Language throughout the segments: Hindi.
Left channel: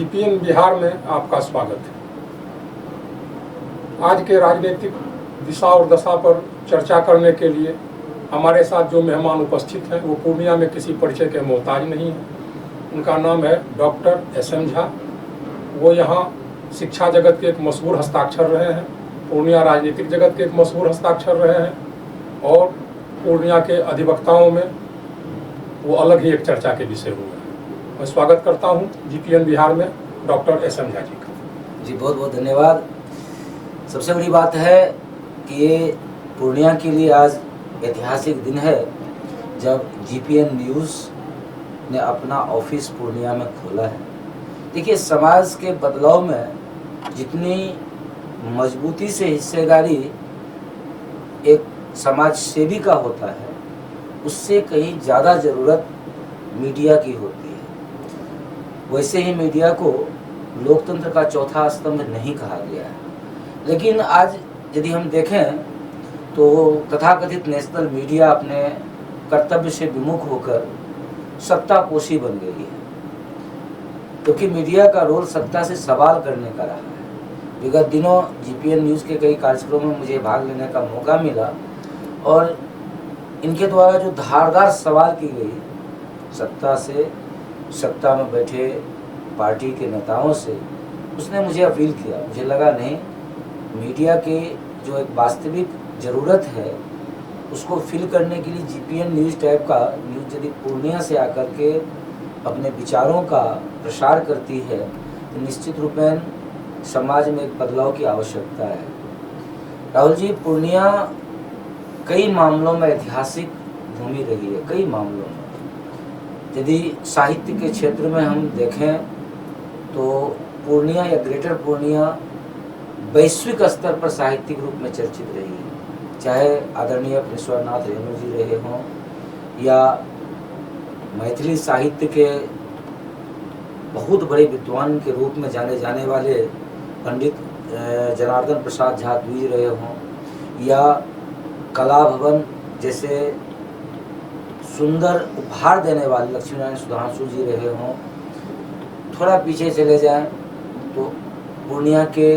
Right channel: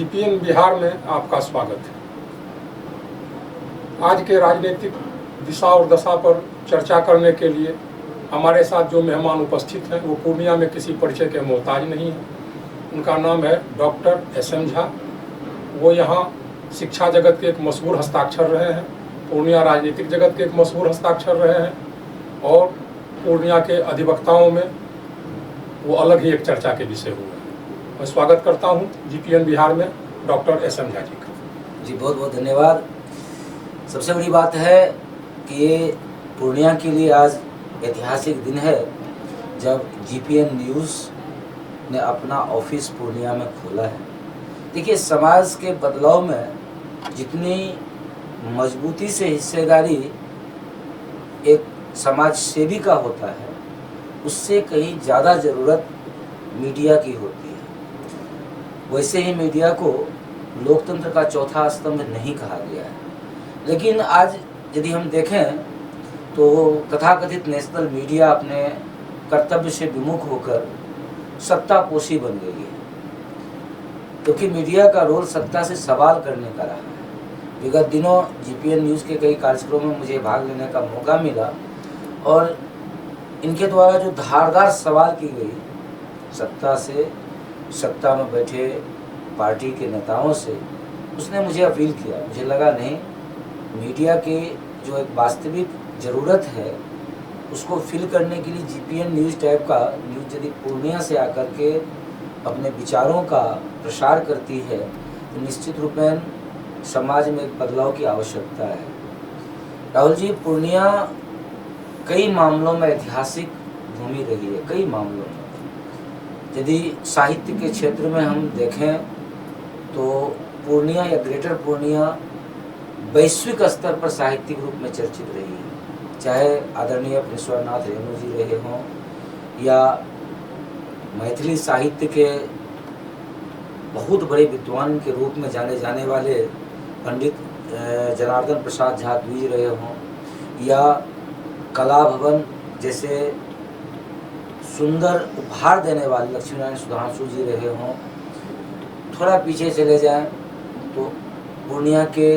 जीपीएन बिहार में आपका स्वागत है। आज के राजनीतिक दिशा और दशा पर चर्चा करने के लिए हमारे साथ जो मेहमान उपस्थित हैं वो पूर्णिया में किसी परिचय के मोहताज नहीं है। उनका नाम है डॉक्टर एस.एम. झा। वो यहाँ शिक्षा जगत के एक मशहूर हस्ताक्षर रहे हैं, पूर्णिया राजनीतिक जगत के एक मशहूर हस्ताक्षर रहे हैं और पूर्णिया के अधिवक्ताओं में वो अलग ही एक चर्चा के विषय हैं। मैं स्वागत करता हूँ जीपीएन बिहार में डॉक्टर एस.एम. झा जी। बहुत बहुत धन्यवाद। सबसे बड़ी बात है कि ये पूर्णिया के लिए आज ऐतिहासिक दिन है जब जीपीएन न्यूज़ ने अपना ऑफिस पूर्णिया में खोला है। देखिए, समाज के बदलाव में जितनी मजबूती से हिस्सेदारी एक समाज सेवी का होता है, उससे कहीं ज़्यादा ज़रूरत मीडिया की होती है। वैसे ही मीडिया को लोकतंत्र का चौथा स्तंभ नहीं कहा गया है, लेकिन आज यदि हम देखें तो तथाकथित नेशनल मीडिया अपने कर्तव्य से विमुख होकर सत्तापोशी बन गई है, क्योंकि मीडिया का रोल सत्ता से सवाल करने का रहा है। विगत दिनों जीपीएन न्यूज़ के कई कार्यक्रमों में मुझे भाग लेने का मौका मिला और इनके द्वारा जो धारदार सवाल की गए सत्ता से, सत्ता में बैठे पार्टी के नेताओं से, उसने मुझे अपील किया। मुझे लगा नहीं, मीडिया के जो एक वास्तविक ज़रूरत है उसको फिल करने के लिए जीपीएन न्यूज़ टाइप का न्यूज़ यदि पूर्णिया से आकर के अपने विचारों का प्रसार करती है तो निश्चित रूप में समाज में एक बदलाव की आवश्यकता है। राहुल जी, पूर्णिया कई मामलों में ऐतिहासिक भूमि रही है, कई मामलों में। यदि साहित्य के क्षेत्र में हम देखें तो पूर्णिया या ग्रेटर पूर्णिया वैश्विक स्तर पर साहित्यिक रूप में चर्चित रही है, चाहे आदरणीय पेशवानाथ रेणु जी रहे हों या मैथिली साहित्य के बहुत बड़े विद्वान के रूप में जाने जाने वाले पंडित जनार्दन प्रसाद झा जी रहे हों या कला भवन जैसे सुंदर उपहार देने वाले लक्ष्मीनारायण सुधांशु जी रहे हों। थोड़ा पीछे चले जाएं तो पूर्णिया के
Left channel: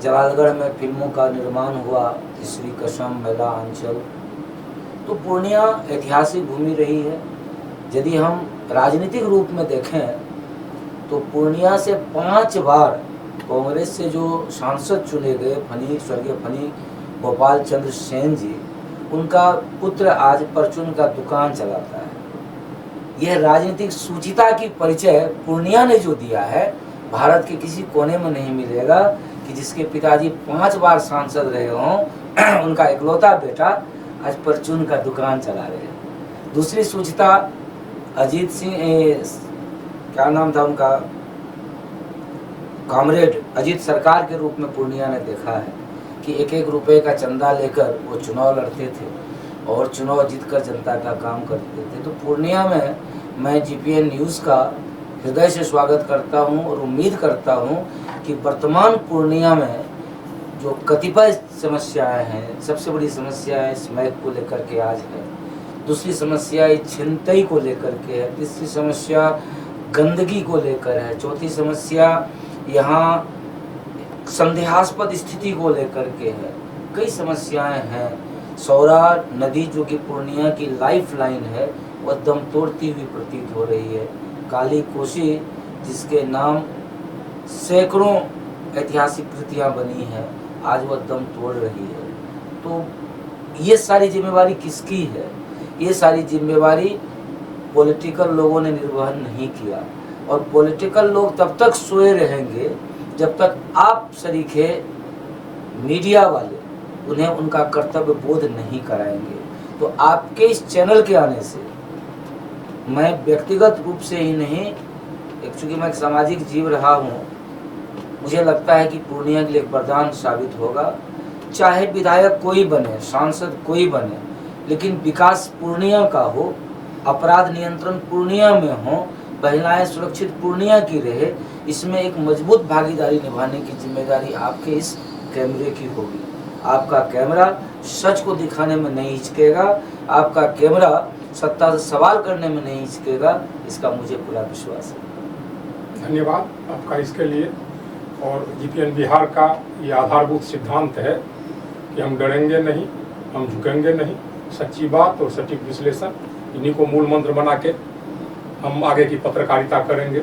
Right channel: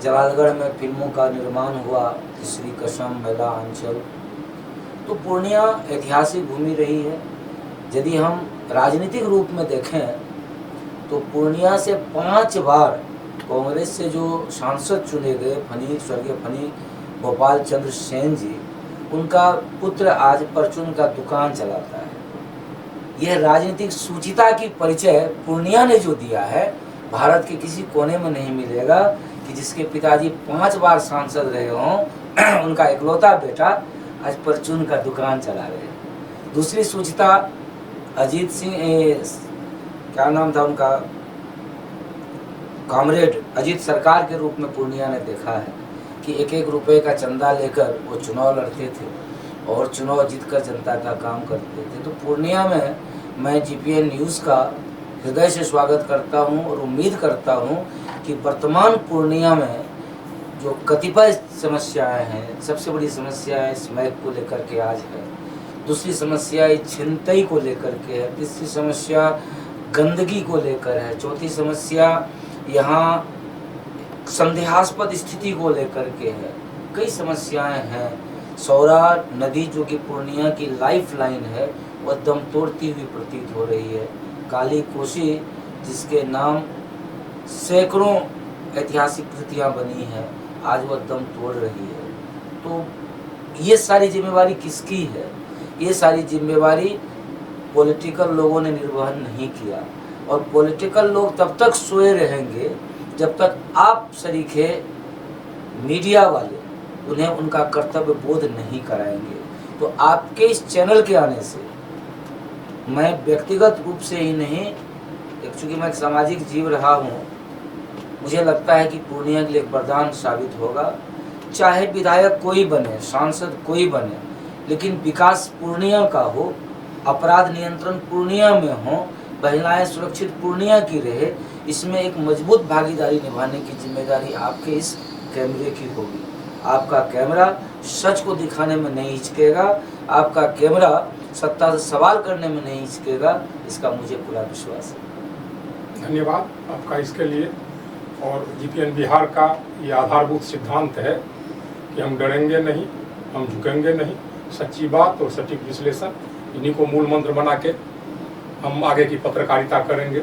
जलालगढ़ में फिल्मों का निर्माण हुआ, श्री कसम, मेला, अंचल। तो पूर्णिया ऐतिहासिक भूमि रही है। यदि हम राजनीतिक रूप में देखें तो पूर्णिया से 5 बार कांग्रेस से जो सांसद चुने गए स्वर्गीय फनी गोपाल चंद्र सेन जी, उनका पुत्र आज परचून का दुकान चलाता है। यह राजनीतिक सूचिता की परिचय पूर्णिया ने जो दिया है, भारत के किसी कोने में नहीं मिलेगा कि जिसके पिताजी 5 बार सांसद रहे हों, उनका इकलौता बेटा आज परचून का दुकान चला रहे हैं। दूसरी सूचिता अजीत सिंह, क्या नाम था उनका, कामरेड अजीत सरकार के रूप में पूर्णिया ने देखा है कि 1-1 रुपए का चंदा लेकर वो चुनाव लड़ते थे और चुनाव जीतकर जनता का काम करते थे। तो पूर्णिया में मैं जीपीएन न्यूज़ का हृदय से स्वागत करता हूं और उम्मीद करता हूं कि वर्तमान पूर्णिया में जो कतिपय समस्याएं हैं, सबसे बड़ी समस्या है समय को लेकर के आज है, दूसरी समस्या छिनतई को लेकर के है, तीसरी समस्या गंदगी को लेकर है, चौथी समस्या यहाँ संदेहास्पद स्थिति को लेकर के है। कई समस्याएं हैं। सौरा नदी जो कि पूर्णिया की लाइफ लाइन है, वो दम तोड़ती हुई प्रतीत हो रही है। काली कोसी जिसके नाम सैकड़ों ऐतिहासिक कृतियाँ बनी हैं, आज वह दम तोड़ रही है। तो ये सारी जिम्मेवारी किसकी है? ये सारी जिम्मेवारी पॉलिटिकल लोगों ने निर्वहन नहीं किया और पॉलिटिकल लोग तब तक सोए रहेंगे जब तक आप शरीके मीडिया वाले उन्हें उनका कर्तव्य बोध नहीं कराएंगे। तो आपके इस चैनल के आने से मैं व्यक्तिगत रूप से ही नहीं, एक्चुअली मैं एक सामाजिक जीव रहा हूँ, मुझे लगता है कि पूर्णिया के लिए एक वरदान साबित होगा। चाहे विधायक कोई बने, सांसद कोई बने, लेकिन विकास पूर्णिया का हो, अपराध नियंत्रण पूर्णिया में हो, महिलाएं सुरक्षित पूर्णिया की रहे, इसमें एक मजबूत भागीदारी निभाने की जिम्मेदारी आपके इस कैमरे की होगी। आपका कैमरा सच को दिखाने में नहीं हिचकेगा, आपका कैमरा सत्ता से सवाल करने में नहीं हिचकेगा, इसका मुझे पूर्ण विश्वास है। धन्यवाद आपका इसके लिए। और जीपीएन बिहार का ये आधारभूत सिद्धांत है कि हम डरेंगे नहीं, हम झुकेंगे नहीं, सच्ची बात और सटीक विश्लेषण इन्हीं को मूल मंत्र बना के हम आगे की पत्रकारिता करेंगे।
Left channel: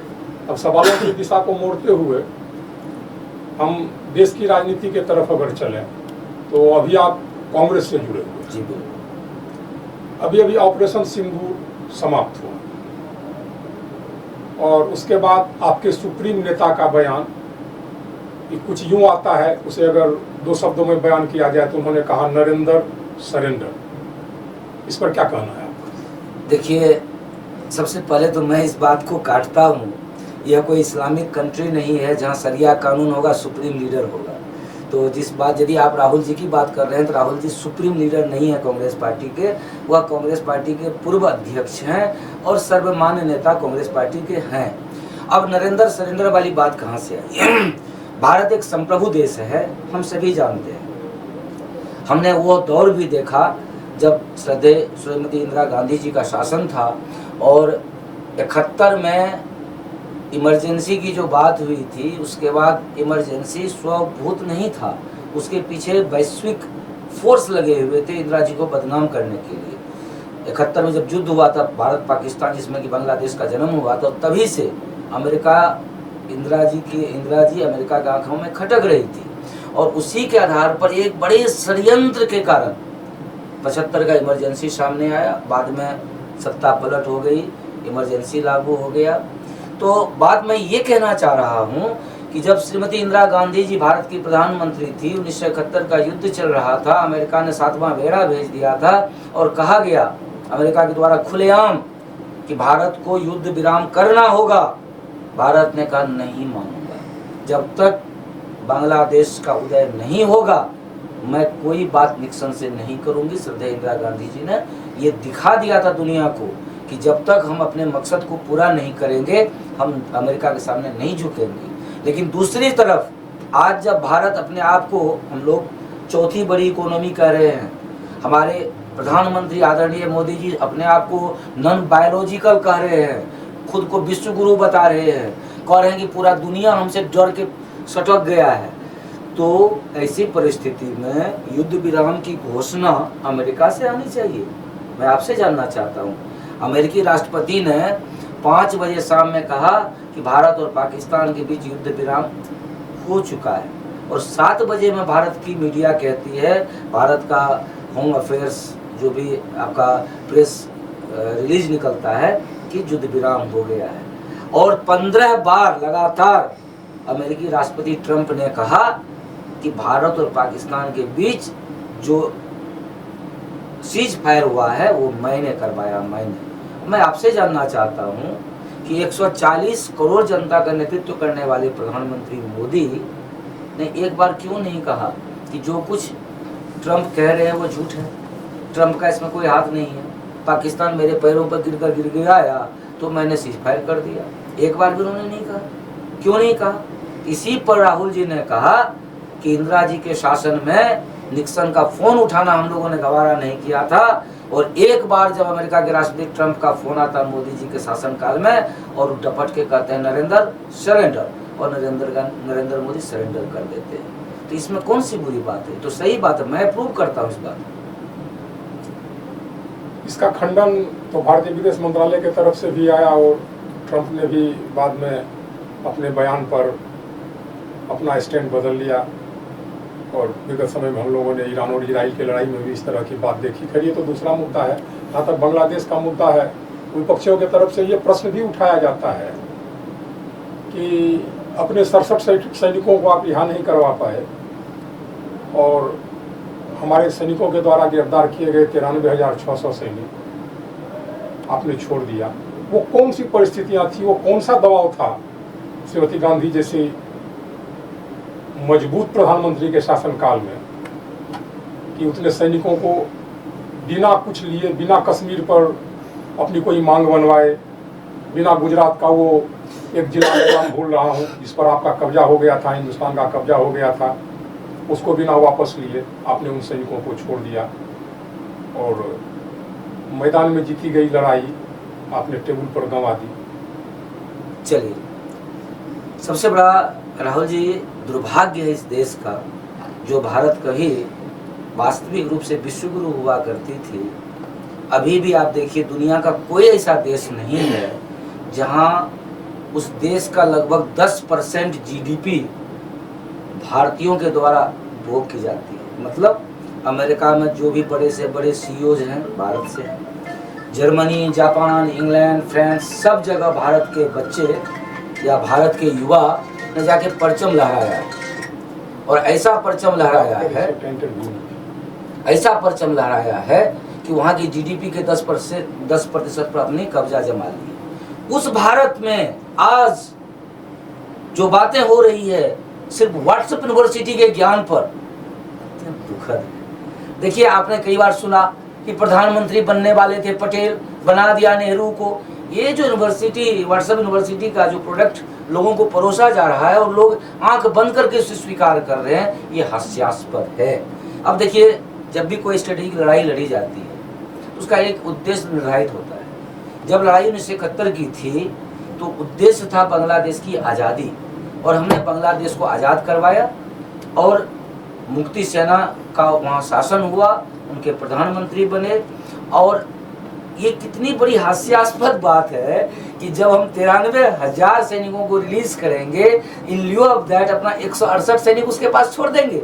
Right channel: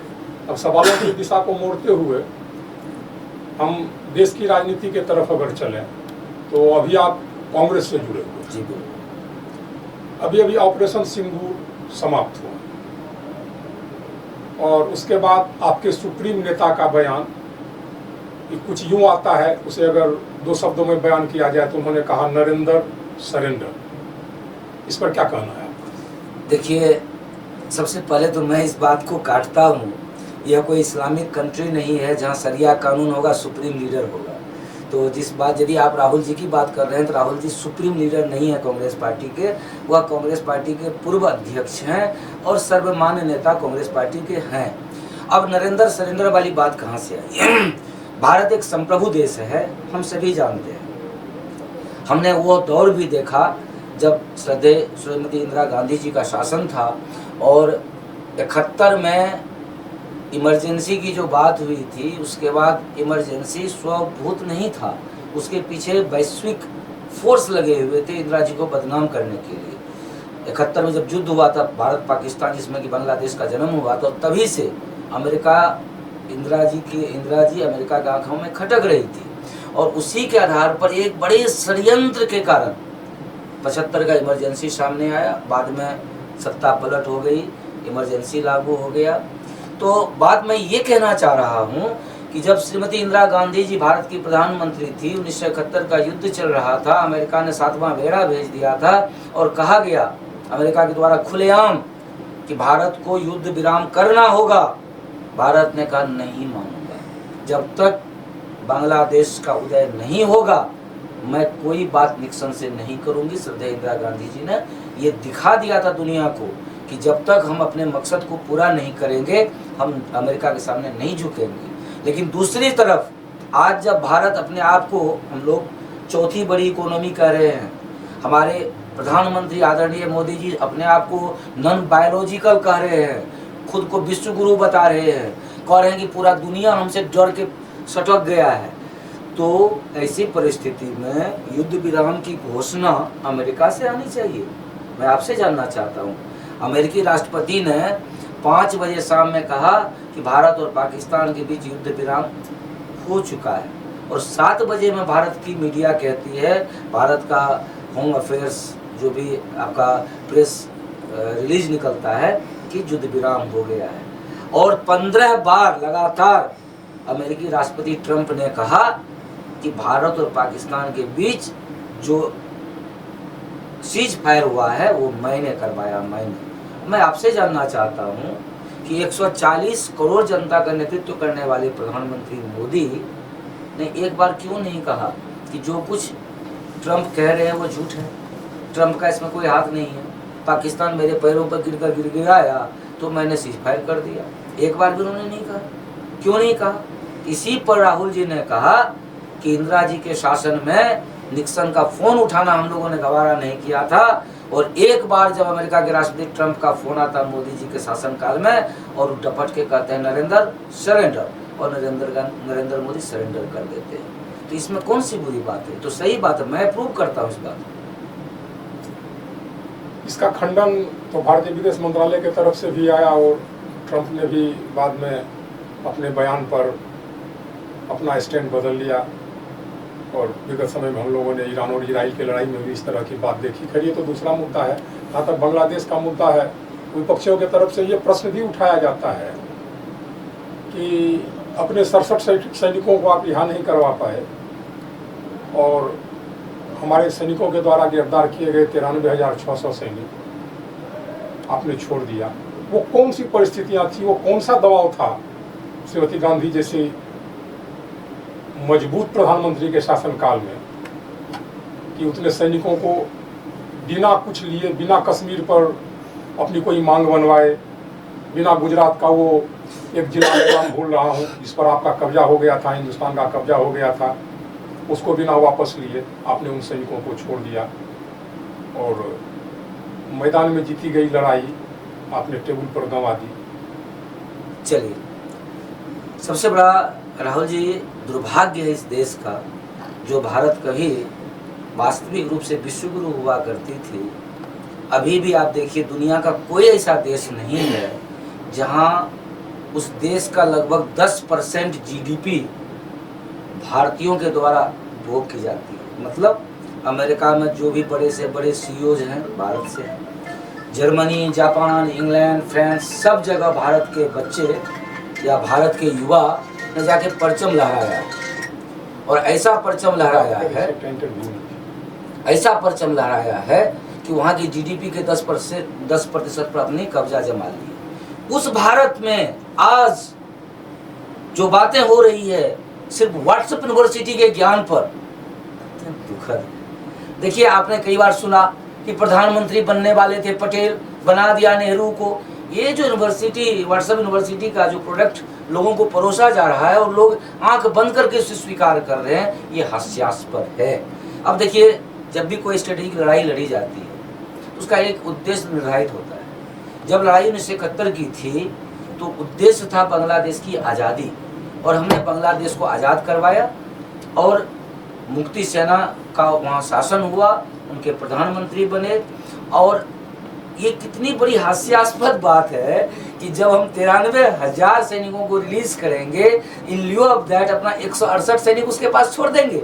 अब सवालों की दिशा को मोड़ते हुए हम देश की राजनीति की तरफ अगर चलें तो अभी आप कांग्रेस से जुड़े हुए हैं। जी बिल्कुल। अभी अभी ऑपरेशन सिंदूर समाप्त हुआ और उसके बाद आपके सुप्रीम नेता का बयान कि कुछ यूं आता है, उसे अगर 2 शब्दों में बयान किया जाए तो उन्होंने कहा नरेंद्र सरेंडर। इस पर क्या कहना है? देखिए, सबसे पहले तो मैं इस बात को काटता हूँ, यह कोई इस्लामिक कंट्री नहीं है जहाँ शरिया कानून होगा, सुप्रीम लीडर होगा। तो जिस बात, यदि आप राहुल जी की बात कर रहे हैं तो राहुल जी सुप्रीम लीडर नहीं है कांग्रेस पार्टी के, वह कांग्रेस पार्टी के पूर्व अध्यक्ष हैं और सर्वमान्य नेता कांग्रेस पार्टी के हैं। अब नरेंद्र सरेंद्र वाली बात कहाँ से आई? भारत एक संप्रभु देश है, हम सभी जानते हैं। हमने वो दौर भी देखा जब श्रीमती इंदिरा गांधी जी का शासन था और 71 में इमरजेंसी की जो बात हुई थी, उसके बाद इमरजेंसी स्वभूत नहीं था, उसके पीछे वैश्विक फोर्स लगे हुए थे इंदिरा जी को बदनाम करने के लिए। 71 में जब युद्ध हुआ था भारत पाकिस्तान, जिसमें कि बांग्लादेश का जन्म हुआ, तो तभी से अमेरिका इंदिरा जी अमेरिका की आंखों में खटक रही थी और उसी के आधार पर एक बड़े षड्यंत्र के कारण 75 का इमरजेंसी सामने आया। बाद में सत्ता पलट हो गई, इमरजेंसी लागू हो गया। तो बात मैं ये कहना चाह रहा हूँ कि जब श्रीमती इंदिरा गांधी जी भारत की प्रधानमंत्री थी, 1971 का युद्ध चल रहा था, अमेरिका ने 7वां बेड़ा भेज दिया था और कहा गया अमेरिका के द्वारा खुलेआम कि भारत को युद्ध विराम करना होगा। भारत ने कहा नहीं मानूंगा, जब तक बांग्लादेश का उदय नहीं होगा मैं कोई बात निक्सन से नहीं करूंगी। श्रद्धेय इंदिरा गांधी जी ने ये दिखा दिया था दुनिया को कि जब तक हम अपने मकसद को पूरा नहीं करेंगे हम अमेरिका के सामने नहीं झुकेंगे। लेकिन दूसरी तरफ आज जब भारत अपने आप को, लोग चौथी बड़ी इकोनॉमी कह रहे हैं, हमारे प्रधानमंत्री आदरणीय मोदी जी अपने आप को नॉन बायोलॉजिकल कह रहे हैं, खुद को विश्व गुरु बता रहे हैं, कह रहे हैं कि पूरा दुनिया हमसे डर के सटक गया है, तो ऐसी परिस्थिति में युद्ध विराम की घोषणा अमेरिका से आनी चाहिए। मैं आपसे जानना चाहता हूँ, अमेरिकी राष्ट्रपति ने 5 बजे शाम में कहा कि भारत और पाकिस्तान के बीच युद्ध विराम हो चुका है और 7 बजे में भारत की मीडिया कहती है, भारत का होम अफेयर्स जो भी आपका प्रेस रिलीज निकलता है कि युद्ध विराम हो गया है। और 15 बार लगातार अमेरिकी राष्ट्रपति ट्रंप ने कहा कि भारत और पाकिस्तान के बीच जो सीज फायर हुआ है वो मैंने करवाया। मैं आपसे जानना चाहता हूँ कि 140 करोड़ जनता का नेतृत्व करने वाले प्रधानमंत्री मोदी ने एक बार क्यों नहीं कहा कि जो कुछ ट्रंप कह रहे हैं वो झूठ है, ट्रंप का इसमें कोई हाथ नहीं है, पाकिस्तान मेरे पैरों पर गिर गिराया तो मैंने सीज फायर कर दिया। एक बार भी उन्होंने नहीं कहा। क्यों नहीं कहा? इसी पर राहुल जी ने कहा कि इंदिरा जी के शासन में निक्सन का फोन उठाना हम लोगों ने गवारा नहीं किया था और एक बार जब अमेरिका के राष्ट्रपति ट्रंप का फोन आता मोदी जी के शासनकाल में और टपट के कहते हैं नरेंद्र सरेंडर, और नरेंद्र मोदी सरेंडर कर देते हैं। तो इसमें कौन सी बुरी बात है? तो सही बात है, मैं अप्रूव करता हूँ उसका। इसका खंडन तो भारतीय विदेश मंत्रालय की तरफ से भी आया और ट्रंप ने भी बाद में अपने बयान पर अपना स्टैंड बदल लिया और विगत समय में हम लोगों ने ईरान और इसराइल की लड़ाई में भी इस तरह की बात देखी। करिए तो दूसरा मुद्दा है, जहाँ तक बांग्लादेश का मुद्दा है, विपक्षियों की तरफ से ये प्रश्न भी उठाया जाता है कि अपने 67 सैनिकों को आप यहाँ नहीं करवा पाए और हमारे सैनिकों के द्वारा गिरफ्तार किए गए 93,600 सैनिक आपने छोड़ दिया। वो कौन सी परिस्थितियाँ थी, वो कौन सा दबाव था श्रीमती गांधी जैसे मजबूत प्रधानमंत्री के शासनकाल में कि उतने सैनिकों को बिना कुछ लिए, बिना कश्मीर पर अपनी कोई मांग बनवाए, बिना गुजरात का वो एक जिला का नाम भूल रहा हूँ जिस पर आपका कब्जा हो गया था, हिंदुस्तान का कब्जा हो गया था, उसको बिना वापस लिए आपने उन सैनिकों को छोड़ दिया और मैदान में जीती गई लड़ाई आपने टेबल पर गंवा दी। चलिए, सबसे बड़ा राहुल जी दुर्भाग्य है इस देश का, जो भारत कभी वास्तविक रूप से विश्वगुरु हुआ करती थी, अभी भी आप देखिए दुनिया का कोई ऐसा देश नहीं है जहां उस देश का लगभग 10% जीडीपी भारतीयों के द्वारा उपयोग की जाती है। मतलब अमेरिका में जो भी बड़े से बड़े सीईओज हैं भारत से, जर्मनी, जापान, इंग्लैंड, फ्रांस, सब जगह भारत के बच्चे या भारत के युवा ने जाके परचम लहराया है। और ऐसा परचम लहराया है कि वहाँ की जीडीपी के 10% पर अपनी कब्जा जमा लिया। उस भारत में आज जो बातें हो रही है सिर्फ व्हाट्सएप यूनिवर्सिटी के ज्ञान पर, देखिए आपने कई बार सुना कि प्रधानमंत्री बनने वाले थे पटेल, बना दिया नेहरू को। ये जो यूनिवर्सिटी, व्हाट्सएप यूनिवर्सिटी का जो प्रोडक्ट लोगों को परोसा जा रहा है और लोग आंख बंद करके उसे स्वीकार कर रहे हैं, ये हास्यास्पद है। अब देखिए जब भी कोई स्टडी की लड़ाई लड़ी जाती है उसका एक उद्देश्य निर्धारित होता है। जब लड़ाई 1971 की थी तो उद्देश्य था बांग्लादेश की आज़ादी, और हमने बांग्लादेश को आज़ाद करवाया और मुक्ति सेना का वहाँ शासन हुआ, उनके प्रधानमंत्री बने। और ये कितनी बड़ी हास्यास्पद बात है कि जब हम 93,000 सैनिकों को रिलीज करेंगे, इन लियो ऑफ दैट अपना 168 सैनिक उसके पास छोड़ देंगे।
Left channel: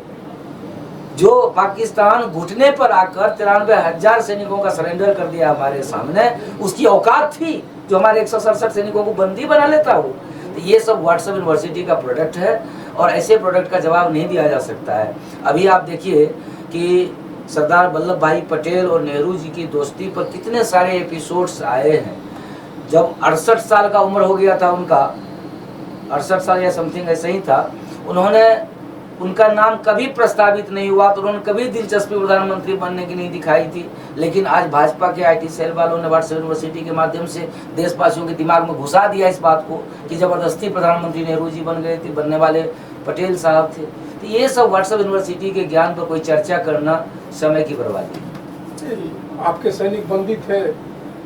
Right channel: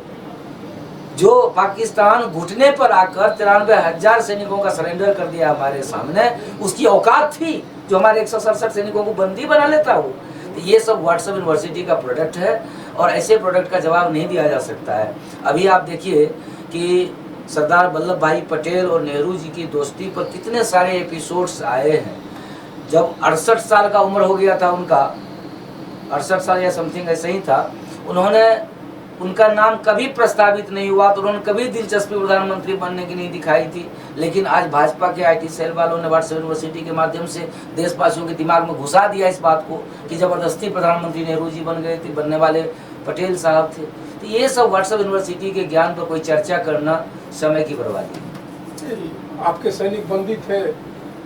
जो पाकिस्तान घुटने पर आकर 93,000 सैनिकों का सरेंडर कर दिया हमारे सामने, उसकी औकात थी जो हमारे 167 सैनिकों को बंदी बना लेता। ये सब व्हाट्सएप यूनिवर्सिटी का प्रोडक्ट है और ऐसे प्रोडक्ट का जवाब नहीं दिया जा सकता है। अभी आप देखिए कि सरदार वल्लभ भाई पटेल और नेहरू जी की दोस्ती पर कितने सारे एपिसोड्स आए हैं। जब 68 साल का उम्र हो गया था उनका, 68 साल या समथिंग ऐसे ही था, उनका नाम कभी प्रस्तावित नहीं हुआ, तो उन्होंने कभी दिलचस्पी प्रधानमंत्री बनने की नहीं दिखाई थी। लेकिन आज भाजपा के आईटी सेल वालों ने व्हाट्सएप यूनिवर्सिटी के माध्यम से देशवासियों के दिमाग में घुसा दिया इस बात को कि जबरदस्ती प्रधानमंत्री नेहरू जी बन गए थे, बनने वाले पटेल साहब थे। तो ये सब व्हाट्सएप यूनिवर्सिटी के ज्ञान पर कोई चर्चा करना समय की बर्बादी। आपके सैनिक बंदी थे,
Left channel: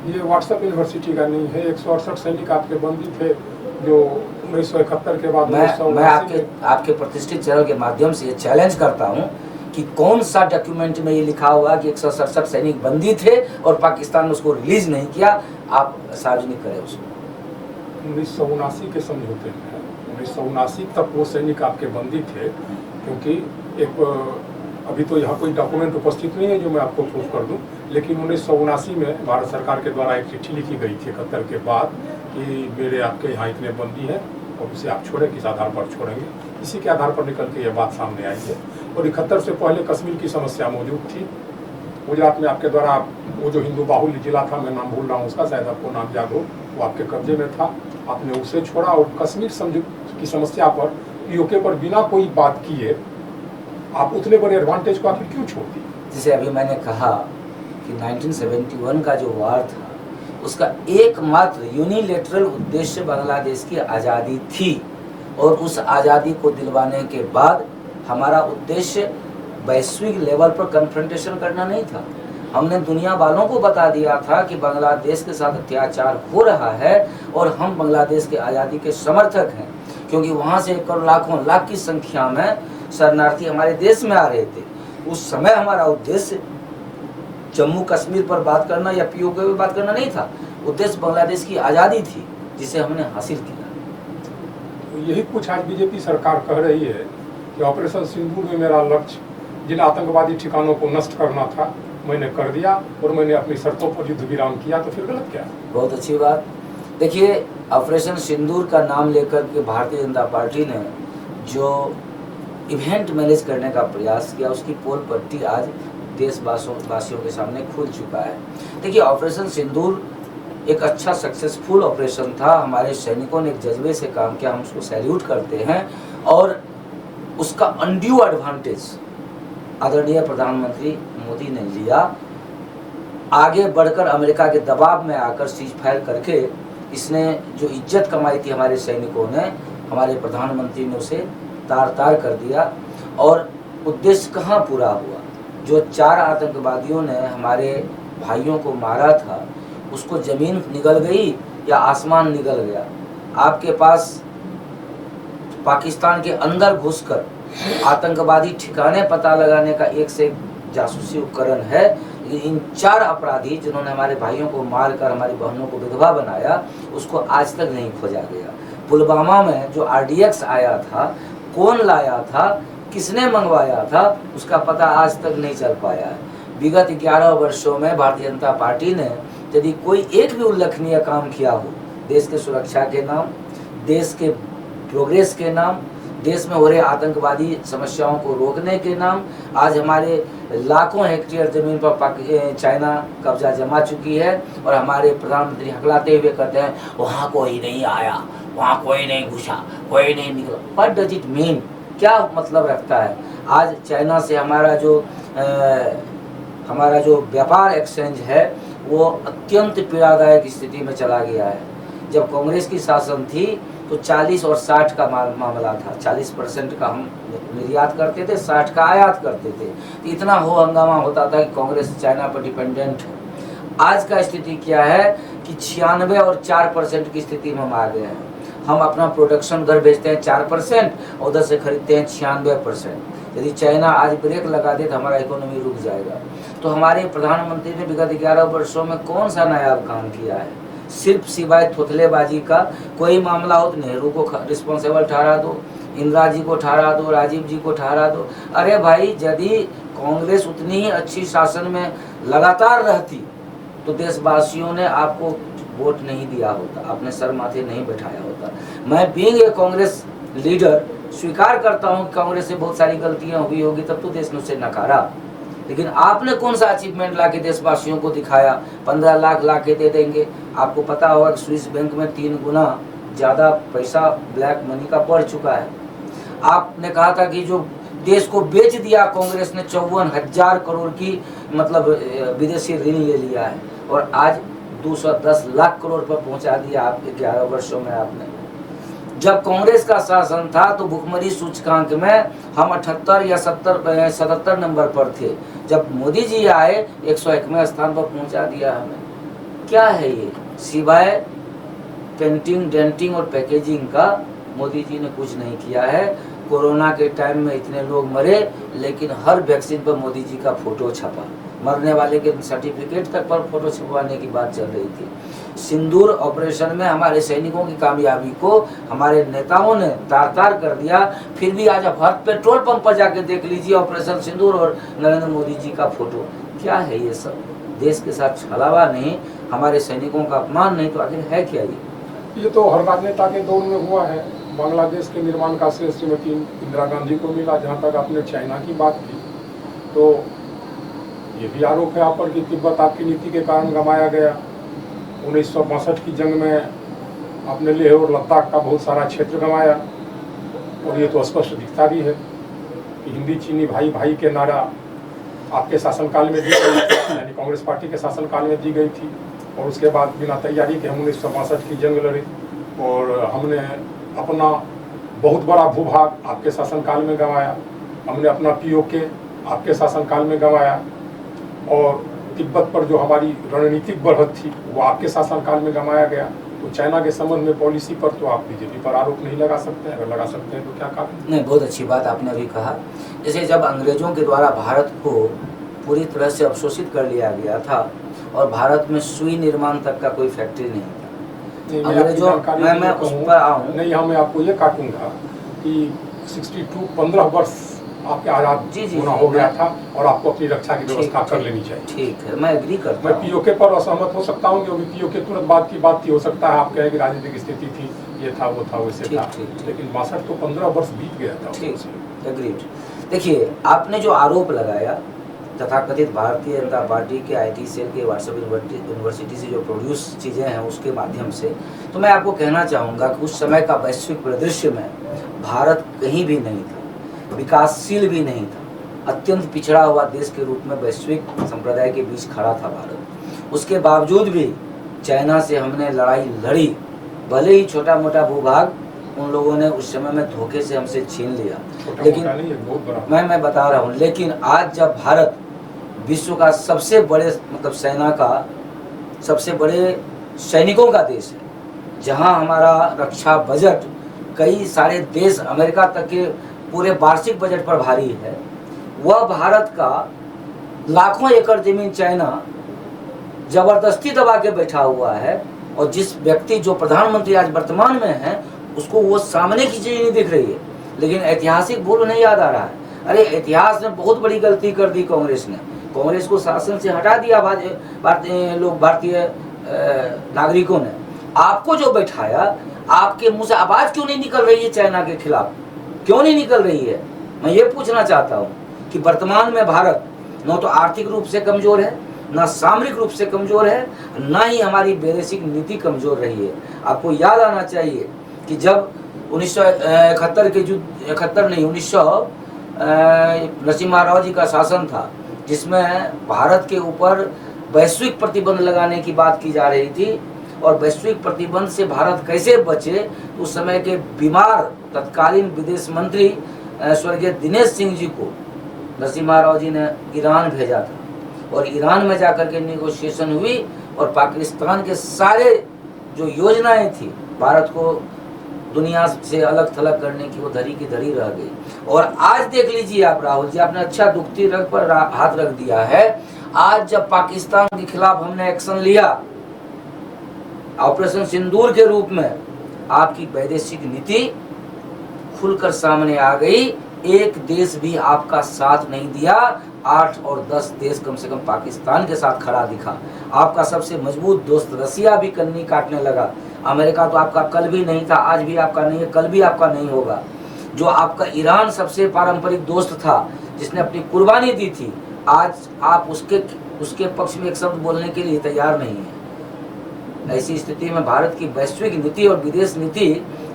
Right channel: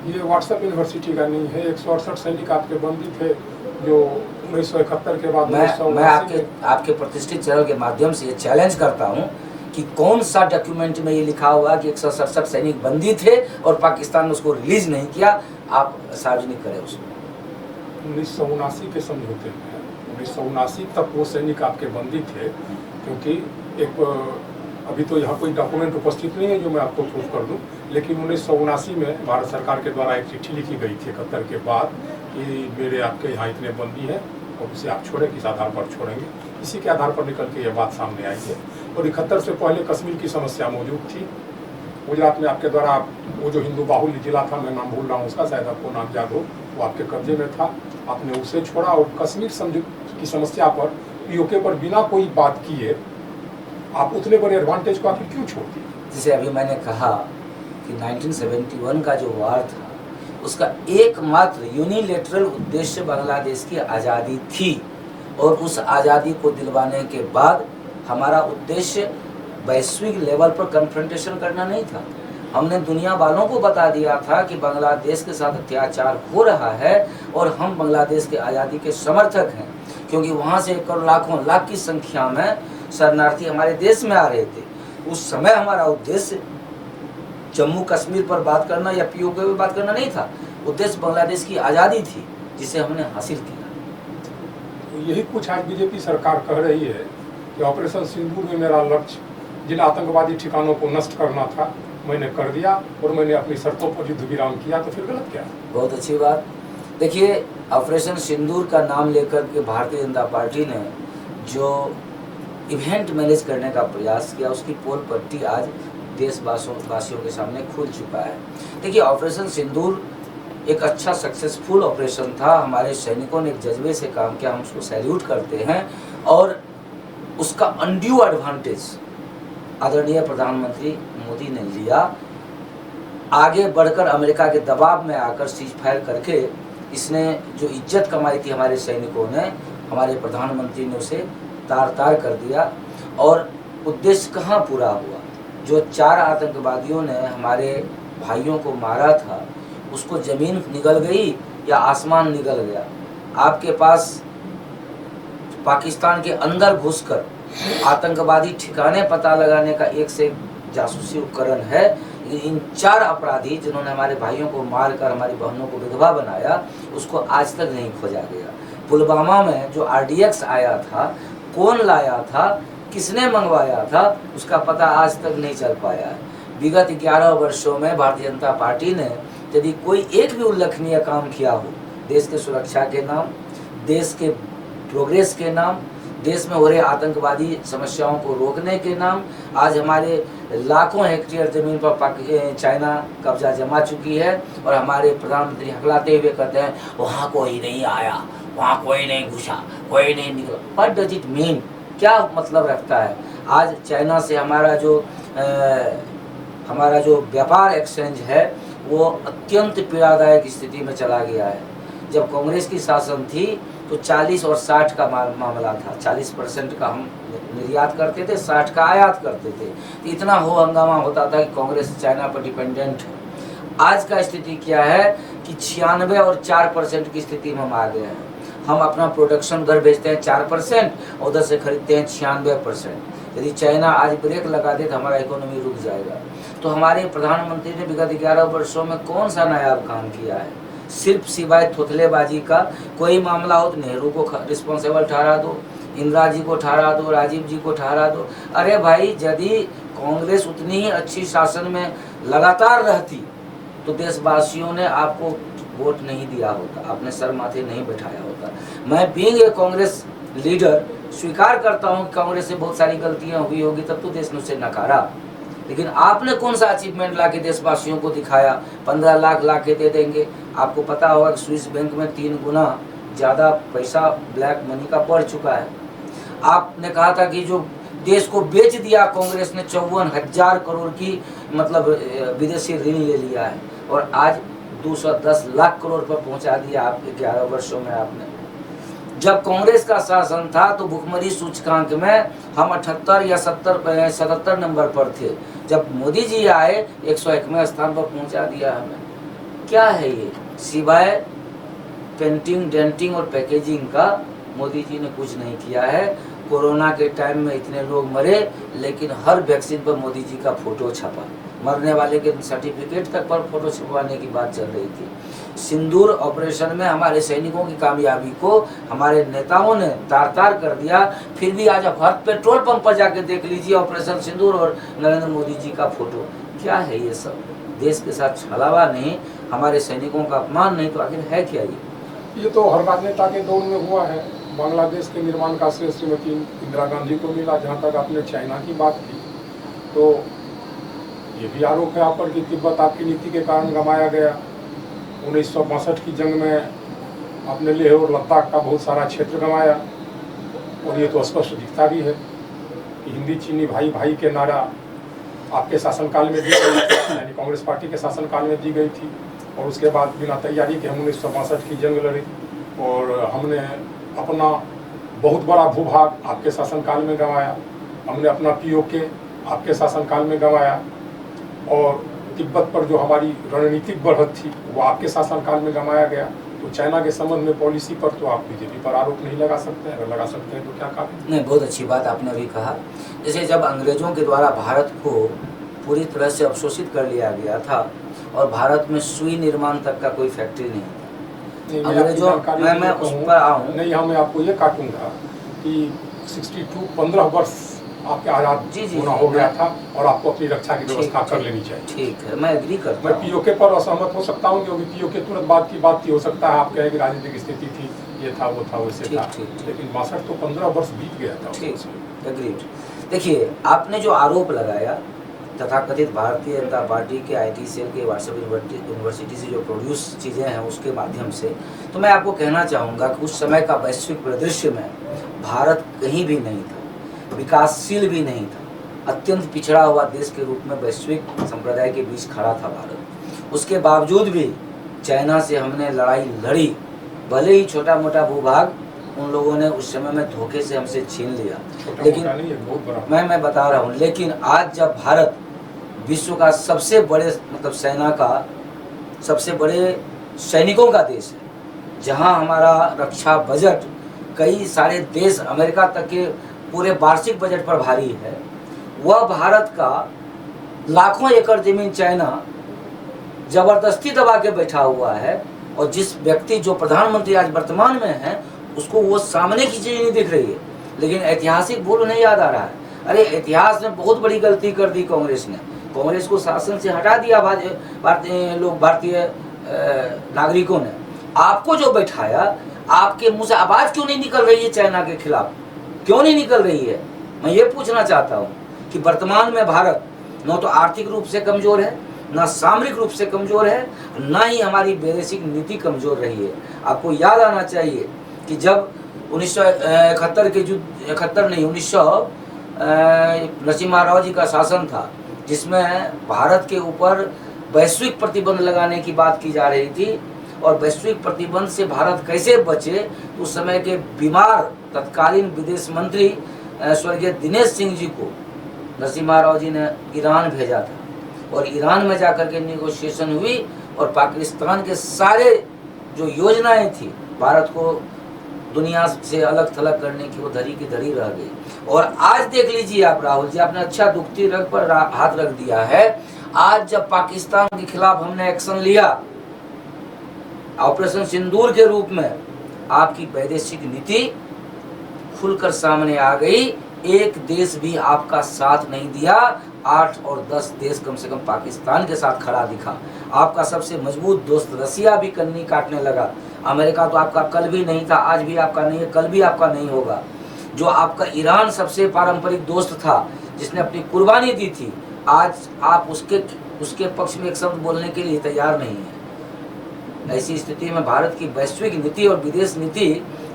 ये व्हाट्सएप यूनिवर्सिटी का नहीं है। 168 सैनिक आपके बंदी थे जो 1971 के बाद। मैं आपके प्रतिष्ठित चैनल के माध्यम से ये चैलेंज करता हूँ कि कौन सा डॉक्यूमेंट में ये लिखा हुआ कि 167 सैनिक बंदी थे और पाकिस्तान ने उसको रिलीज नहीं किया, आप सार्वजनिक करें उसको। 1979 के समझौते में 1979 तक वो सैनिक आपके बंदी थे, क्योंकि एक अभी तो यहाँ कोई डॉक्यूमेंट उपस्थित नहीं है जो मैं आपको प्रूफ कर दूँ, लेकिन 1979 में भारत सरकार के द्वारा एक चिट्ठी लिखी गई थी 71 के बाद कि मेरे आपके यहाँ इतने बंदी है, उसे आप छोड़े, किस आधार पर छोड़ेंगे। इसी के आधार पर निकल के यह बात सामने आई है। और 71 से पहले कश्मीर की समस्या मौजूद थी। गुजरात में आपके द्वारा वो जो हिंदू बाहुल्य जिला था, मैं नाम भूल रहा हूँ उसका, शायद आपको नाम याद हो, वो आपके कब्जे में था, आपने उसे छोड़ा और कश्मीर समझौते की समस्या पर पीओके पर बिना कोई बात किए आप उतने बड़े एडवांटेज को आप क्यों छोड़ दी? जैसे अभी मैंने कहा कि 1971 का जो वॉर था उसका एकमात्र यूनिलेटरल उद्देश्य बांग्लादेश की आज़ादी थी, और उस आज़ादी को दिलवाने के बाद हमारा उद्देश्य वैश्विक लेवल पर कन्फ्रंटेशन करना नहीं था। हमने दुनिया वालों को बता दिया था कि बांग्लादेश के साथ अत्याचार हो रहा है और हम बांग्लादेश के आज़ादी के समर्थक हैं, क्योंकि वहाँ से 1 करोड़ लाख की संख्या में शरणार्थी हमारे देश में आ रहे थे। उस समय हमारा उद्देश्य जम्मू कश्मीर पर बात करना या पीओके पर बात करना नहीं था, उद्देश्य बांग्लादेश की आज़ादी थी जिसे हमने हासिल किया। तो यही कुछ आज बीजेपी सरकार कह रही है कि ऑपरेशन सिंदूर में मेरा लक्ष्य जिन आतंकवादी ठिकानों को नष्ट करना था मैंने कर दिया और मैंने अपनी शर्तों पर युद्ध विराम किया, तो फिर गलत क्या है? बहुत अच्छी बात। देखिए ऑपरेशन सिंदूर का नाम लेकर के भारतीय जनता पार्टी ने जो इवेंट मैनेज करने का प्रयास किया, उसकी पोल प्रगति आज देशवासियों के सामने खुल चुका है। देखिए ऑपरेशन सिंदूर एक अच्छा सक्सेसफुल ऑपरेशन था, हमारे सैनिकों ने एक जज्बे से काम किया, हम उसको सैल्यूट करते हैं। और उसका अनड्यू एडवांटेज आदरणीय प्रधानमंत्री मोदी ने लिया, आगे बढ़कर अमेरिका के दबाव में आकर सीज फायर करके इसने जो इज्जत कमाई थी हमारे सैनिकों ने, हमारे प्रधानमंत्री ने उसे तार कर दिया। और उद्देश्य कहाँ पूरा हुआ? जो 4 आतंकवादियों ने हमारे भाइयों को मारा था उसको ज़मीन निगल गई या आसमान निगल गया? आपके पास पाकिस्तान के अंदर घुसकर आतंकवादी ठिकाने पता लगाने का एक से एक जासूसी उपकरण है। इन 4 अपराधी जिन्होंने हमारे भाइयों को मारकर हमारी बहुओं को विधवा बनाया, उसको आज तक नहीं खोजा गया। पुलवामा में जो RDX आया था, कौन लाया था, किसने मंगवाया था, उसका पता आज तक नहीं चल पाया। विगत 11 वर्षों में भारतीय जनता पार्टी ने यदि कोई एक भी उल्लेखनीय काम किया हो, देश की सुरक्षा के नाम, देश के प्रोग्रेस के नाम, देश में हो रहे आतंकवादी समस्याओं को रोकने के नाम, आज हमारे लाखों हेक्टेयर जमीन पर चाइना कब्जा जमा चुकी है और हमारे प्रधानमंत्री हकलाते हुए कहते हैं वहाँ कोई नहीं आया, वहाँ कोई नहीं घुसा, कोई नहीं निकला। What does it mean? क्या मतलब रखता है? आज चाइना से हमारा जो व्यापार एक्सचेंज है वो अत्यंत पीड़ादायक स्थिति में चला गया है। जब कांग्रेस की शासन थी तो 40 और 60 का मामला था। 40% का हम निर्यात करते थे, 60 का आयात करते थे। इतना हो हंगामा होता था कि कांग्रेस चाइना पर डिपेंडेंट है। आज का स्थिति क्या है कि 96 और 4% की स्थिति में हम आ गए हैं। हम अपना प्रोडक्शन घर भेजते हैं 4% और उधर से खरीदते हैं 96%। यदि चाइना आज ब्रेक लगा दे तो हमारा इकोनॉमी रुक जाएगा। तो हमारे प्रधानमंत्री ने विगत 11 वर्षों में कौन सा नया काम किया है? सिर्फ सिवाय थोथलेबाजी का। कोई मामला हो तो नेहरू को रिस्पॉन्सिबल ठहरा दो, इंदिरा जी को ठहरा दो, राजीव जी को ठहरा दो। अरे भाई, यदि कांग्रेस उतनी ही अच्छी शासन में लगातार रहती तो देशवासियों ने आपको वोट नहीं दिया होता, आपने सर माथे नहीं बैठाया होता। मैं बीइंग ए कांग्रेस लीडर स्वीकार करता हूँ कांग्रेस से बहुत सारी गलतियां हुई होगी, तब तो देश मुझसे नकारा। लेकिन आपने कौन सा अचीवमेंट ला के देशवासियों को दिखाया? 15 लाख ला के दे देंगे। आपको पता होगा कि स्विस बैंक में 3 गुना ज़्यादा पैसा ब्लैक मनी का बढ़ चुका है। आपने कहा था कि जो देश को बेच दिया कांग्रेस ने, 54,000 करोड़ की मतलब विदेशी ऋण ले लिया है और आज 210 लाख करोड़ पर पहुंचा दिया आपके 11 वर्षों में। आपने जब कांग्रेस का शासन था तो भुखमरी सूचकांक में हम 78 या 77 नंबर पर थे। जब मोदी जी आए 101वें स्थान पर पहुंचा दिया। क्या है ये? सिवाय पेंटिंग, डेंटिंग और पैकेजिंग का मोदी जी ने कुछ नहीं किया है। कोरोना के टाइम में इतने लोग मरे, लेकिन हर वैक्सीन पर मोदी जी का फोटो छपा। मरने वाले के सर्टिफिकेट तक पर फोटो छपवाने की बात चल रही थी। सिंदूर ऑपरेशन में हमारे सैनिकों की कामयाबी को हमारे नेताओं ने तार-तार कर दिया। फिर भी आज आप हर पेट्रोल पंप पर जाके देख लीजिए ऑपरेशन सिंदूर और नरेंद्र मोदी जी का फोटो। क्या है ये सब? देश के साथ छलावा नहीं, हमारे सैनिकों का अपमान नहीं, तो आखिर है क्या ये तो हर राजनेता के दौर में हुआ है। बांग्लादेश के निर्माण का श्रेय श्रीमती इंदिरा गांधी को मिला। जहाँ तक आपने चाइना की बात की तो ये भी आरोप है आप पर कि तिब्बत आपकी नीति के कारण गंवाया गया। 1962 की जंग में आपने लेह और लद्दाख का बहुत सारा क्षेत्र गंवाया। और ये तो स्पष्ट दिखता भी है कि हिंदी चीनी भाई भाई के नारा आपके शासनकाल में दी गई थी, यानी कांग्रेस पार्टी के शासनकाल में दी गई थी। और उसके बाद बिना तैयारी के हम 1962 की जंग लड़ी और हमने अपना बहुत बड़ा भूभाग आपके शासनकाल में गंवाया। हमने अपना POK आपके शासनकाल में गंवाया और तिब्बत पर जो हमारी रणनीतिक बढ़त थी वो आपके शासनकाल में गंवाया गया। तो चाइना के संबंध में पॉलिसी पर तो आप बीजेपी पर आरोप नहीं लगा सकते हैं। अगर लगा सकते हैं तो क्या काम? नहीं, बहुत अच्छी बात आपने भी कहा। जैसे जब अंग्रेजों के द्वारा भारत को पूरी तरह से अवशोषित कर लिया गया था और भारत में सुई निर्माण तक का कोई फैक्ट्री नहीं, अंग्रेजों मैं उस पर आऊँ नहीं, हमें आपको ये काटूंगा कि 15 वर्ष आपके आजाद पूरा हो गया था और आपको अपनी रक्षा की व्यवस्था कर लेनी चाहिए। ठीक है, मैं एग्री करता हूँ। POK पर असहमत हो सकता हूँ क्योंकि POK तुरंत बाद की बात की हो सकता है। आप कहें कि राजनीतिक स्थिति थी, ये था वो था वैसे था, लेकिन 62 को 15 वर्ष बीत गया था। एग्री। देखिए, आपने जो आरोप लगाया तथाकथित भारतीय जनता पार्टी के IT सेल के व्हाट्सएप यूनिवर्सिटी से जो प्रोड्यूस चीज़ें हैं उसके माध्यम से, तो मैं आपको कहना चाहूँगा कि उस समय का वैश्विक परिदृश्य में भारत कहीं भी नहीं था, विकासशील भी नहीं था, अत्यंत पिछड़ा हुआ देश के रूप में वैश्विक संप्रदाय के बीच खड़ा था भारत। उसके बावजूद भी चाइना से हमने लड़ाई लड़ी। भले ही छोटा मोटा भूभाग उन लोगों ने उस समय में धोखे से हमसे छीन लिया, लेकिन मैं बता रहा हूँ, लेकिन आज जब भारत विश्व का सबसे बड़े मतलब सेना का सबसे बड़े सैनिकों का देश है, जहाँ हमारा रक्षा बजट कई सारे देश अमेरिका तक के पूरे वार्षिक बजट पर भारी है, वह भारत का लाखों एकड़ जमीन चाइना जबरदस्ती दबा के बैठा हुआ है, और जिस व्यक्ति जो प्रधानमंत्री आज वर्तमान में है उसको वो सामने की चीज नहीं दिख रही है, लेकिन ऐतिहासिक भूल नहीं याद आ रहा है। अरे इतिहास ने बहुत बड़ी गलती कर दी कांग्रेस ने, कांग्रेस को शासन से हटा दिया भारतीय नागरिकों ने। आपको जो बैठाया, आपके मुंह से आवाज क्यों नहीं निकल रही है चाइना के खिलाफ, क्यों नहीं निकल रही है? मैं ये पूछना चाहता हूँ कि वर्तमान में भारत न तो आर्थिक रूप से कमजोर है, ना सामरिक रूप से कमजोर है, ना ही हमारी वैदेशिक नीति कमजोर रही है। आपको याद आना चाहिए कि जब 1971 के युद्ध 1900 नरसिम्हा राव जी का शासन था, जिसमें भारत के ऊपर वैश्विक प्रतिबंध लगाने की बात की जा रही थी, और वैश्विक प्रतिबंध से भारत कैसे बचे, उस समय के बीमार तत्कालीन विदेश मंत्री स्वर्गीय दिनेश सिंह जी को नरसिम्हा राव जी ने ईरान भेजा था, और ईरान में जाकर के नेगोशिएशन हुई, और पाकिस्तान के सारे जो योजनाएं थी भारत को दुनिया से अलग थलग करने की, वो धरी की धरी रह गई। और आज देख लीजिए आप, राहुल जी आपने अच्छा दुखती रग पर हाथ रख दिया है। आज जब पाकिस्तान के खिलाफ हमने एक्शन लिया ऑपरेशन सिंदूर के रूप में, आपकी वैदेशिक नीति खुलकर सामने आ गई। एक देश भी आपका साथ नहीं दिया, 8 और 10 देश कम से कम पाकिस्तान के साथ खड़ा दिखा। आपका सबसे मजबूत दोस्त रसिया भी कन्नी काटने लगा। अमेरिका तो आपका कल भी नहीं था, आज भी आपका नहीं है, कल भी आपका नहीं होगा। जो आपका ईरान सबसे पारंपरिक दोस्त था, जिसने अपनी कुर्बानी दी थी, आज आप उसके पक्ष में एक शब्द बोलने के लिए तैयार नहीं है। ऐसी स्थिति में भारत की वैश्विक नीति और विदेश नीति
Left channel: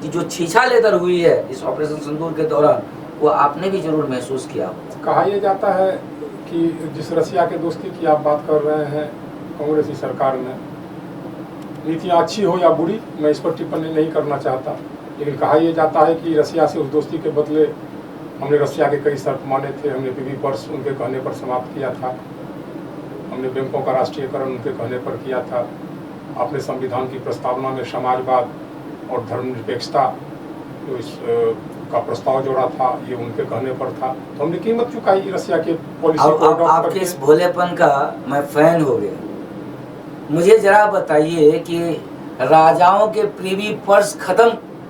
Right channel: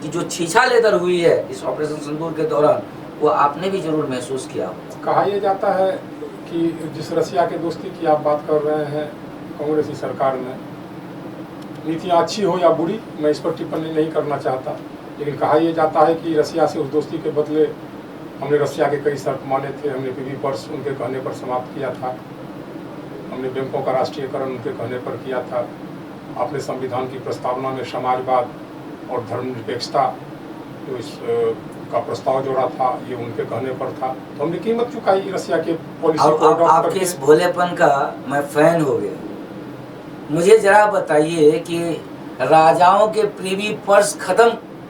की जो छीछा लेकर हुई है इस ऑपरेशन सिंदूर के दौरान, वो आपने भी जरूर महसूस किया। कहा यह जाता है कि जिस रसिया के दोस्ती की आप बात कर रहे हैं, कांग्रेस सरकार में नीतियाँ अच्छी हो या बुरी, मैं इस पर टिप्पणी नहीं करना चाहता, लेकिन कहा यह जाता है कि रसिया से उस दोस्ती के बदले हमने रसिया के कई शर्त माने थे, हमने पीवी पर्स उनके कहने पर समाप्त किया था, हमने बैंकों का राष्ट्रीयकरण उनके कहने पर किया था, अपने संविधान की प्रस्तावना में समाजवाद और धर्मनिरपेक्षता का प्रस्ताव जोड़ा था, ये उनके कहने पर था। हमने कीमत चुकाई रसिया के पॉलिसी। आपके इस भोलेपन का मैं फैन हो गया। मुझे जरा बताइए कि राजाओं के प्रीवी पर्स खत्म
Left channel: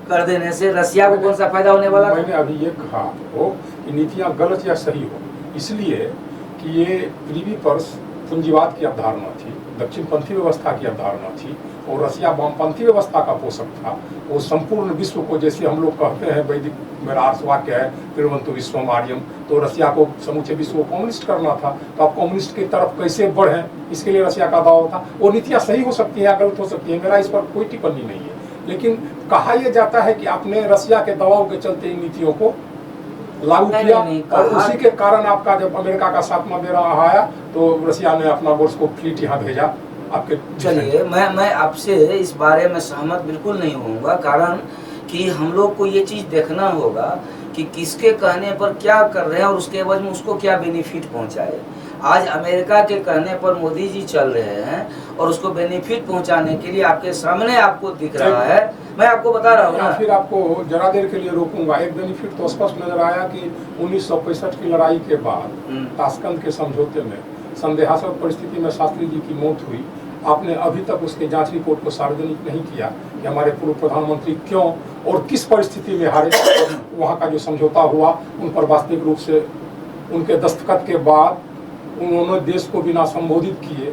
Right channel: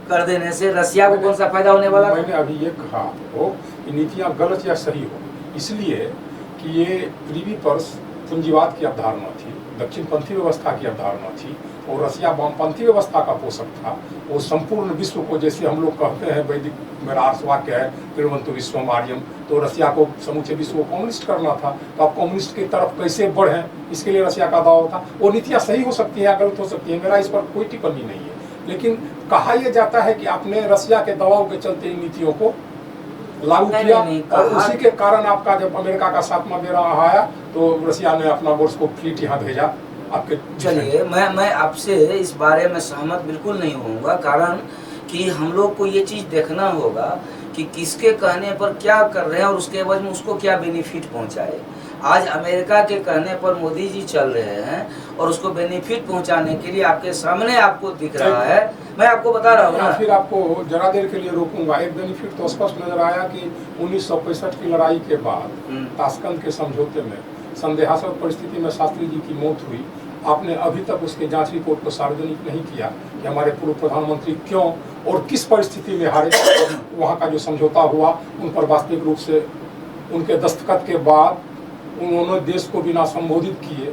कर देने से रसिया को कौन सा फायदा होने वाला? मैंने अभी ये कहा हो नीतियाँ गलत या सही हो, इसलिए कि ये प्रीवी पर्स पूंजीवाद की अवधारणा थी, दक्षिणपंथी व्यवस्था की अवधारणा थी, और रसिया वामपंथी व्यवस्था का पोषक था। वो संपूर्ण विश्व को, जैसे हम लोग कहते हैं, वैदिक मेरा अर्थ है त्रिवंतु विश्वम आर्यम, तो रसिया को समूचे विश्व को कम्युनिस्ट करना था। तो अब कम्युनिस्ट की तरफ कैसे बढ़े, इसके लिए रसिया का दावा था। वो नीतियाँ सही हो सकती हैं या गलत हो सकती है, मेरा इस पर कोई टिप्पणी नहीं है, लेकिन कहा यह जाता है कि आपने रसिया के दबाव के चलते इन नीतियों को लागू किया, और उसी के कारण आपका जब अमेरिका का साथ में मेरा आया तो रसिया ने अपना बोर्स को फ्लीट यहाँ भेजा। चलिए, मैं आपसे इस बारे में सहमत बिल्कुल नहीं होऊंगा, कारण कि हम लोग को ये चीज़ देखना होगा कि किसके कहने पर क्या कर रहे हैं और उसके बाद में उसको क्या बेनिफिट पहुंचाए। आज अमेरिका के कहने पर मोदी जी चल रहे हैं और उसको बेनिफिट पहुंचाने के लिए आपके सामने आपको दिख रहा है। मैं आपको बता रहा हूँ ना, फिर आपको जरा देर के लिए रोकूंगा। एक बेनिफिट तो स्पष्ट नजर आया कि 1965 की लड़ाई के बाद ताशकंद के समझौते में संदेहास्पद परिस्थिति में शास्त्री जी की मौत हुई। आपने अभी तक उसकी जांच रिपोर्ट को सार्वजनिक नहीं किया कि हमारे पूर्व प्रधानमंत्री क्यों और किस परिस्थिति में हारे। वहाँ का जो समझौता हुआ उन पर वास्तविक रूप से उनके दस्तखत के बाद उन्होंने देश को बिना संबोधित किए,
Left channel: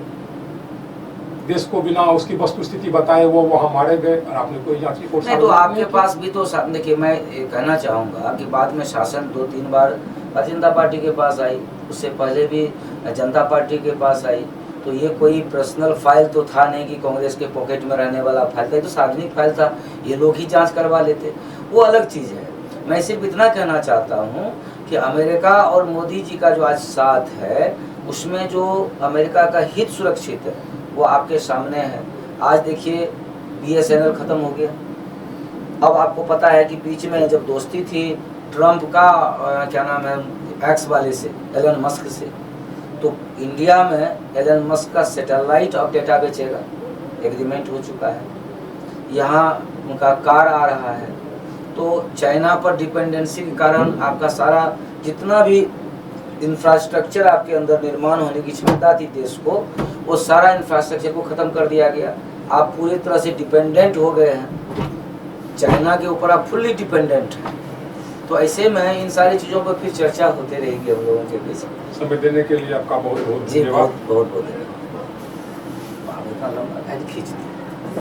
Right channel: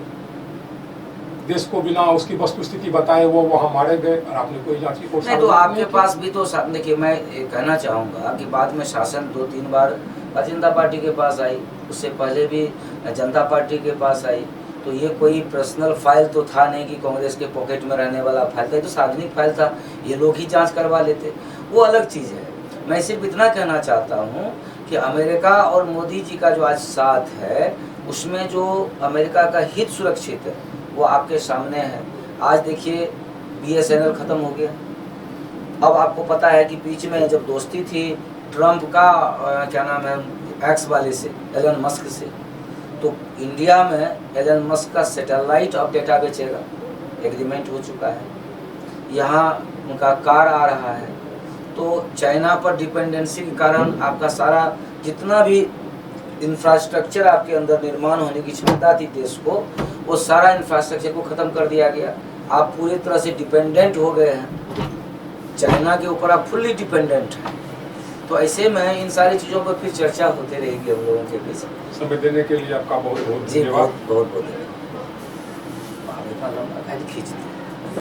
देश को बिना उसकी वस्तुस्थिति बताए वो वहाँ मारे गए, और आपने कोई जांच रिपोर्ट नहीं। तो आपके पास भी तो देखिए, मैं कहना चाहूँगा कि बाद में शासन 2-3 बार भारतीय जनता पार्टी के पास आई, उससे पहले भी जनता पार्टी के पास आई। तो ये कोई पर्सनल फाइल तो था नहीं कि कांग्रेस के पॉकेट में रहने वाला फाइल था, तो सार्वजनिक फाइल था, ये लोग ही जांच करवा लेते, वो अलग चीज़ है। मैं सिर्फ इतना कहना चाहता हूँ कि अमेरिका और मोदी जी का जो आज साथ है, उसमें जो अमेरिका का हित सुरक्षित है वो आपके सामने है। आज देखिए BSNL खत्म हो गया। अब आपको पता है कि बीच में जब दोस्ती थी ट्रंप का क्या नाम है एक्स वाले से, एलन मस्क से, तो इंडिया में एलन मस्क का सैटेलाइट और डेटा बेचेगा, एग्रीमेंट हो चुका है। यहाँ उनका कार आ रहा है, तो तो चाइना पर डिपेंडेंसी के कारण आपका सारा जितना भी इंफ्रास्ट्रक्चर आपके अंदर निर्माण होने की क्षमता थी देश को, वो सारा इंफ्रास्ट्रक्चर को ख़त्म कर दिया गया। आप पूरी तरह से डिपेंडेंट हो गए हैं चाइना के ऊपर, आप फुल्ली डिपेंडेंट हैं। तो ऐसे में इन सारी चीज़ों पर फिर चर्चा होते रहेगी हम लोगों के बीच। समय देने के लिए आपका बहुत बहुत जी धन्यवाद। बहुत बहुत धन्यवाद। खींच